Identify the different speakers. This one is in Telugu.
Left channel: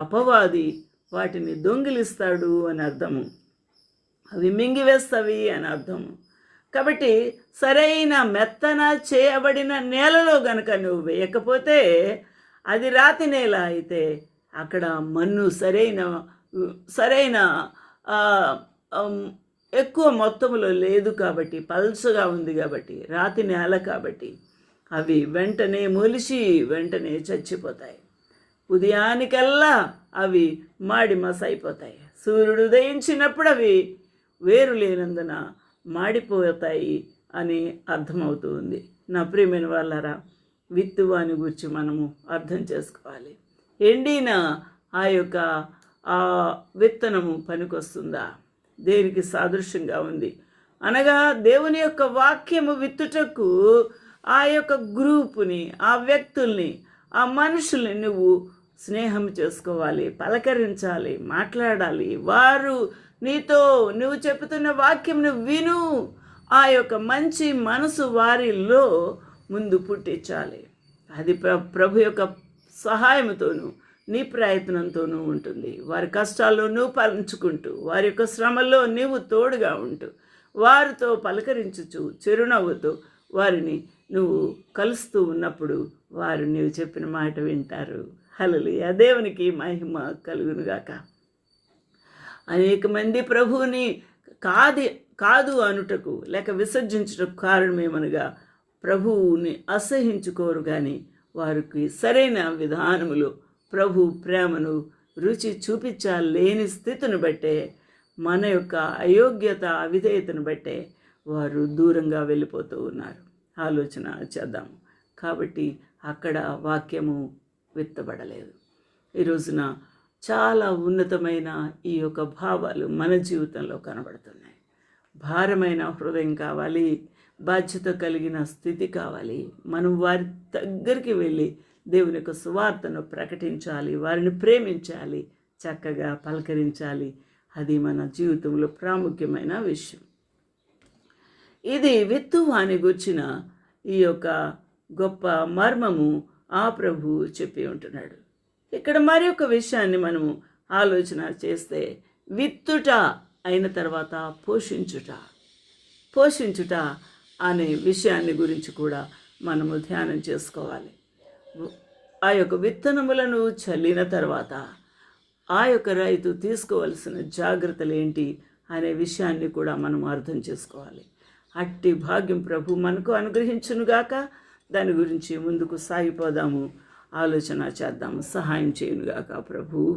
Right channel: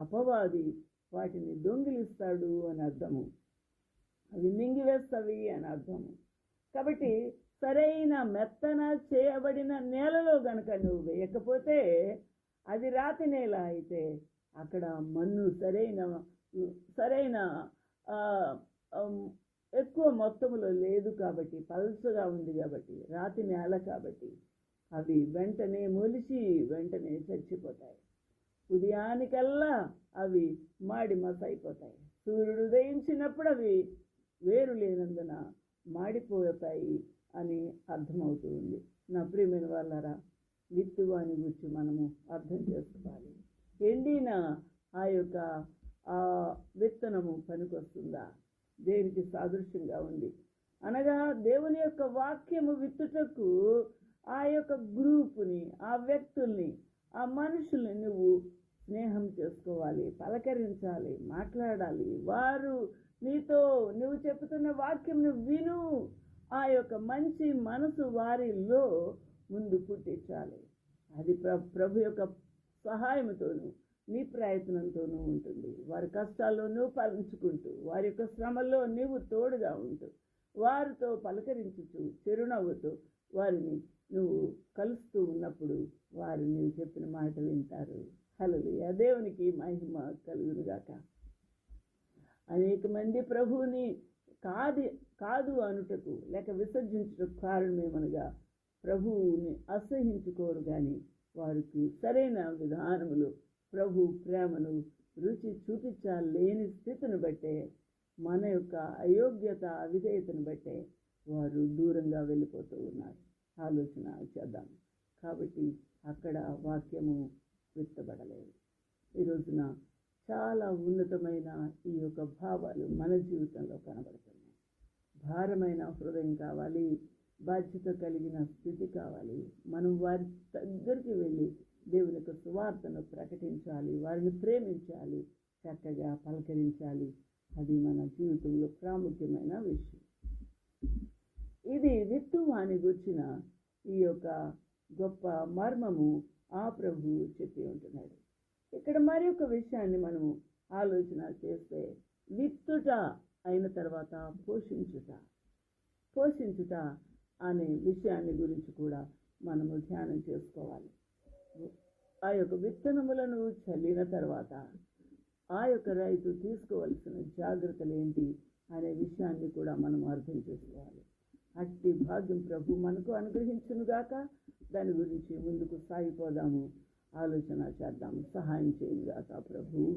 Speaker 1: అపవాది వాటిని దొంగిలిస్తాడు అని అర్థము. అవి మింగివేస్తవి అని అర్థము. కాబట్టి సరైన మెత్తన చేయబడిన నేలలో గనుక నువ్వు వేయకపోతే అది రాతి నేల అయితే అక్కడ మన్ను సరైన సరైన ఎక్కువ మొత్తంలో లేదు కాబట్టి పల్చగా ఉంది కాబట్టి రాతి నేల కాబట్టి అవి వెంటనే మొలిచి వెంటనే చచ్చిపోతాయి. ఉదయానికల్లా అవి మాడిమస్ అయిపోతాయి సూర్యుడు ఉదయించినప్పుడు అవి వేరు లేనందున మాడిపోతాయి అని అర్థమవుతూ ఉంది నా ప్రియమైన వాళ్ళరా విత్తువాని గురించి మనము అర్థం చేసుకోవాలి. ఎండిన ఆ యొక్క ఆ విత్తనము పనికొస్తుందా? దేనికి సాదృశ్యంగా ఉంది. అనగా దేవుని యొక్క వాక్యము విత్తుటకు ఆ యొక్క గ్రూపుని ఆ వ్యక్తుల్ని ఆ మనుషుల్ని నువ్వు స్నేహం చేసుకోవాలి పలకరించాలి మాట్లాడాలి. వారు నీతో నువ్వు చెబుతున్న వాక్యంను విను. ఆ యొక్క మంచి మనసు వారిలో ముందు పుట్టించాలి. అది ప్ర ప్రభు యొక్క సహాయంతోనూ నీ ప్రయత్నంతోనూ ఉంటుంది. వారి కష్టాల్లో నువ్వు పంచుకుంటూ వారి యొక్క శ్రమల్లో నీవు తోడుగా ఉంటూ వారితో పలకరించుచు చిరునవ్వుతో వారిని నువ్వు కలుస్తూ ఉన్నప్పుడు వారు నీవు చెప్పిన మాట వింటారు. హలలు దేవునికి మహిమ కలుగునుగాక. అనేక మంది ప్రభువుని కాది కాదు అనుటకు లేక విసర్జించుటకు కారణమేమనగా ప్రభువుని అసహించుకోరు కానీ వారికి సరైన విధానములు ప్రభు ప్రేమను రుచి చూపించలేని స్థితిని బట్టే మన యొక్క అయోగ్యత అవిధేయతను బట్టే వారు దూరంగా వెళ్ళిపోతూ ఉన్నారు. ఆలోచన చేద్దాం కాబట్టి అక్కడ వాక్యము విత్తబడలేదు. ఈ రోజున చాలా ఉన్నతమైన ఈ యొక్క భావాలు మన జీవితంలో కనబడుతున్నాయి. భారమైన హృదయం కావాలి బాధ్యత కలిగిన స్థితి కావాలి. మనం వారి దగ్గరికి వెళ్ళి దేవుని యొక్క సువార్తను ప్రకటించాలి వారిని ప్రేమించాలి చక్కగా పలకరించాలి. అది మన జీవితంలో ప్రాముఖ్యమైన విషయం. ఇది విత్తువాని గుర్చిన ఈ యొక్క గొప్ప మర్మము ఆ ప్రభు చెప్పి ఉంటున్నాడు. ఇక్కడ మరి ఒక విషయాన్ని మనము ఆలోచన చేస్తే విత్తుట అయిన తర్వాత పోషించుట పోషించుట అనే విషయాన్ని గురించి కూడా మనము ధ్యానం చేసుకోవాలి. ఆ యొక్క విత్తనములను చల్లిన తర్వాత ఆ యొక్క రైతు తీసుకోవలసిన జాగ్రత్తలు ఏంటి అనే విషయాన్ని కూడా మనం అర్థం చేసుకోవాలి. అట్టి భాగ్యం ప్రభు మనకు అనుగ్రహించునుగాక. దాని గురించి ముందుకు సాగిపోదాము. ఆలోచన చేద్దాము. సహాయం చేయనుగాక ప్రభు.